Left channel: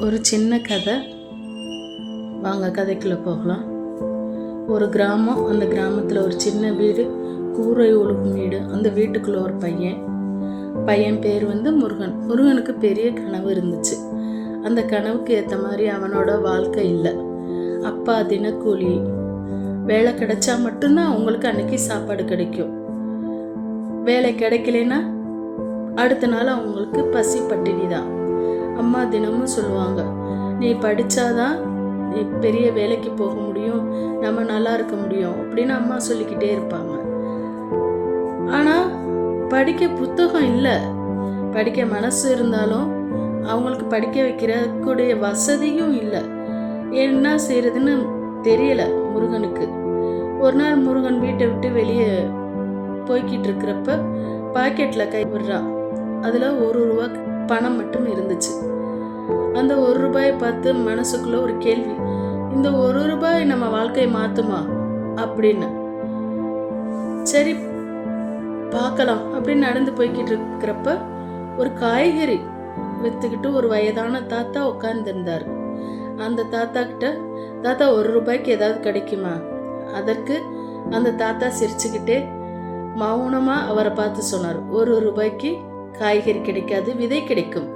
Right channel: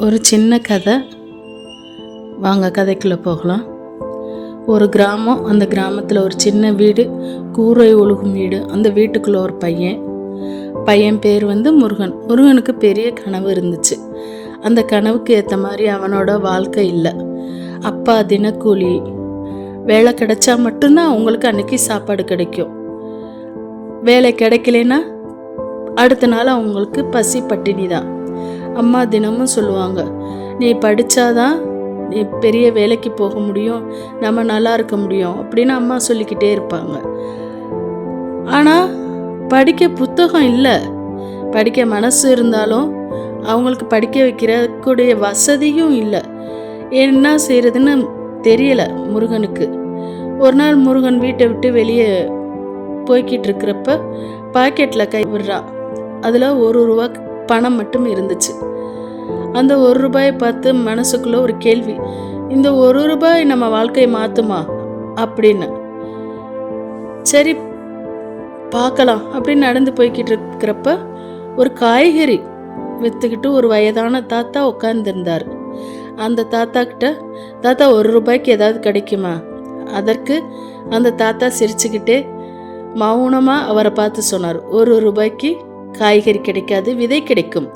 ஒரு சின்ன கதை. வாங்க கதைக்குள்ளே போகலாம். ஒரு கிராமம் அந்த கிராமத்தில் ஒரு சின்ன வீடு கூரை ஒழுகும் வீடு. அந்த வீட்டுக்குள்ளே ஒரு பையன். பையன் பேர் வந்து முருகன். முருகனுக்கு பெரிய கனவு இருந்துச்சு. அந்த கனவுக்கு ஏற்ற மாதிரி அவனோட வாழ்க்கை இல்லை. அப்பா தினக்கூலி. வேலை கிடைச்சா மட்டும்தான் அவங்களுக்கு அன்னைக்கு சாப்பாடு கிடைக்கும். வேலை கிடைக்கலனா அடுத்த நாள் அவங்களுக்கு பசி பட்டினி தான் அம்மா தினமும் சொல்லுவாங்க நீ படித்தாதான் நீ பெரிய வேலைக்கு போக முடியும் நம்ம நல்லா இருக்க முடியும் அப்படின்னு அம்மா சொல்லிக்கிட்டே இருப்பாங்க. ஆனால் படிக்க புத்தகம் இல்லை. படிக்க மனசு இருந்தாலும் அவங்களுக்கு படிக்க வைக்கிறக்கூடிய வசதியும் இல்லை. என்ன செய்கிறதுன்னு தெரியலை முருகனுக்கு. ஒரு நாள் முருகன் வீட்டை விட்டு வெளியே போய்கிட்டு இருக்கிறப்ப பாக்கெட்டில் கை விடுறான் அதில் ஒரு ரூபா பணம் மட்டும் இருந்துச்சு. அந்த ஒரு ரூபாயை பார்த்து மனசுக்குள்ள ஒரு கேள்வி இந்த ஒரு ரூபாய் நம்ம வாழ்க்கையை மாற்றுமா அப்படின்னு. சரி பார்க்கலாம் அப்படின்னு நடந்து போய்கிட்டு இருக்கிறப்ப ஒரு காய்கறி விற்றுக்கிட்டு ஒரு வயதான தாத்தா உட்காந்துருந்தார் அந்த தாத்தா கிட்ட தாத்தா ஒரு ரூபாய்க்கு ஏதாவது கிடைக்குமா? அதற்கு அந்த தாத்தா சிரிச்சுக்கிட்டே மௌனமாக அவரை பார்த்து சொன்னார். ஒரு ரூபாய்க்கு காய்கறி கிடைக்காது விதை கிடைக்கும்.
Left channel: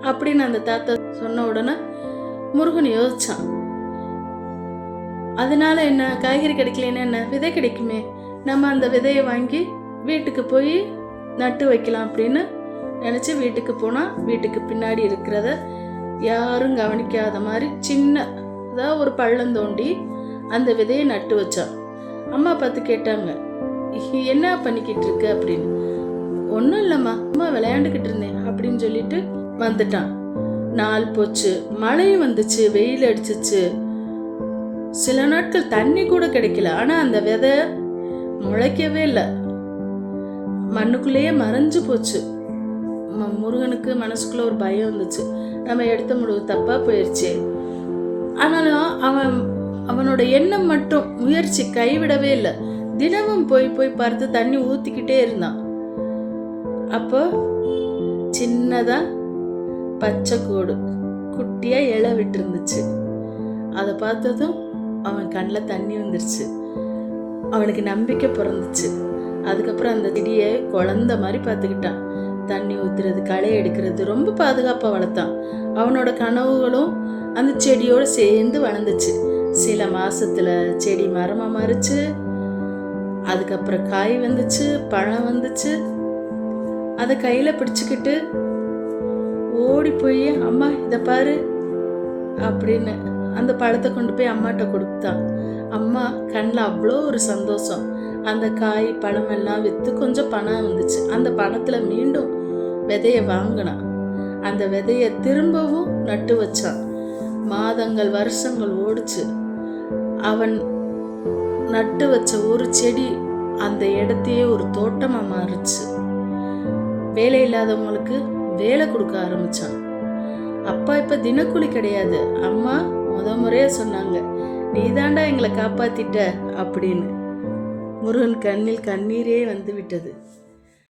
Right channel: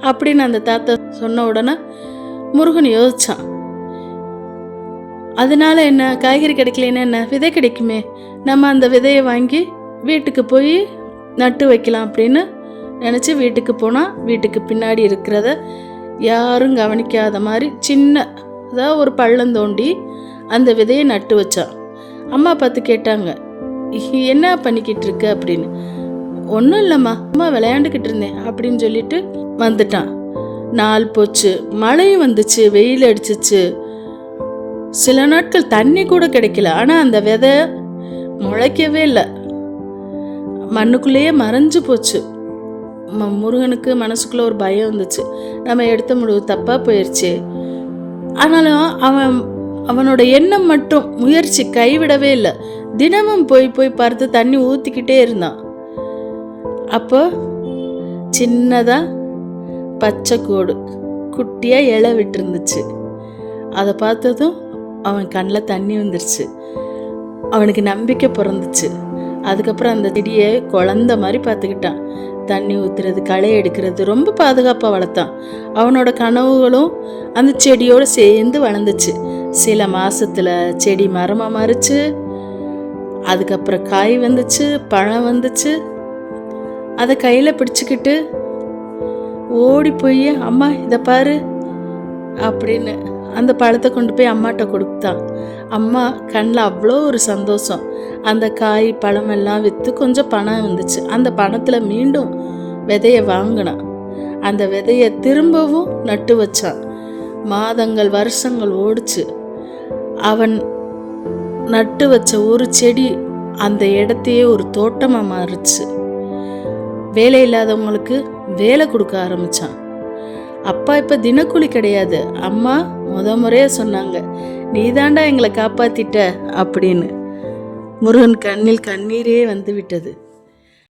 அப்படின்னு அந்த தாத்தா சொன்ன உடனே முருகன் யோசிச்சான். அதனால என்ன காய்கறி கிடைக்கலன்னா என்ன? விதை கிடைக்குமே. நம்ம அந்த விதையை வாங்கி வீட்டுக்கு போய் நட்டு வைக்கலாம் அப்படின்னு நினச்சி வீட்டுக்கு போனால் வீட்டுக்கு பின்னாடி இருக்கிறத யாரும் கவனிக்காத மாதிரி சின்ன அதாவது ஒரு பள்ளம் தோண்டி அந்த விதையை நட்டு வச்சான். அம்மா பார்த்து கேட்டாங்க என்ன பண்ணிக்கிட்டு இருக்க? அப்படின்னு. ஒன்றும் இல்லைம்மா அம்மா விளையாண்டுக்கிட்டு இருந்தேன் அப்படின்னு சொல்லிட்டு வந்துட்டான். நாள் போச்சு மழையும் வந்துச்சு வெயில் அடிச்சிச்சு. சில நாட்கள் தண்ணி கூட கிடைக்கல ஆனால் அந்த விதை முளைக்கவே இல்லை. மண்ணுக்குள்ளேயே மறைஞ்சு போச்சு. முருகனுக்கு மனசுக்குள்ள ஒரு பயம் இருந்துச்சு நம்ம எடுத்த முடிவு தப்பாக போயிடுச்சு ஆனாலும் அவன் அவனோட எண்ணம் மட்டும் முயற்சி கைவிடவே இல்லை. தினமும் போய் போய் பார்த்து தண்ணி ஊற்றிக்கிட்டே இருந்தான். அப்போ சின்னதாக பச்சை கோடு குட்டியாக இலை விட்டுருந்துச்சு. அதை பார்த்ததும் அவன் கண்ணில் தண்ணி வந்துருச்சு. அவனுக்கு நம்பிக்கை பிறந்துச்சு. அதுக்கப்புறம் அந்த செடியை குழந்த மாதிரி பார்த்துக்கிட்டான். தண்ணி ஊற்றுறது களை எடுக்கிறது ரொம்ப பாதுகாப்பாக வளர்த்தான். அவனோட கனவுகளும் அந்த செடியோடு சேர்ந்து வளர்ந்துச்சு. சில மாதத்தில் செடி மரமாக மாறிச்சு. அதுக்கப்புறம் காய் வந்துச்சு பழம் வந்துச்சு. அதை கையில் பிடிச்சிக்கிட்டு ஓடி போய் அம்மா இதை பாரு அப்படின்னு அந்த பழத்தை கொண்டு போய் அம்மாட்ட கொடுத்தான் அம்மா கண்ணில் அவ்வளோ ஒரு சந்தோஷம். அந்த காய் பழம் எல்லாம் விற்று கொஞ்சம் பணம் வந்துச்சு அந்த பணத்தில் மீண்டும் விதையை வாங்கினான் அந்த விதையை திரும்பவும் நட்டு வச்சான் மாதங்கள் வருஷங்கள் ஓடிச்சு. அவன் நட்டு வச்ச ஒரு செடி அந்த இடத்தையே ஒரு தோட்டமாக மாறுச்சு. வேலை இல்லாதவங்களுக்கு வேலை கொடுக்க ஆரம்பிச்சான். அப்பா இப்போ தினக்கூலி கிடையாது. அம்மா முத முறையாக சொன்னாங்க நீதாண்டா எங்களை காப்பாத்திட்ட அப்படின்னு. முருகன் கண்ணில் கண்ணீரே வந்து விட்டது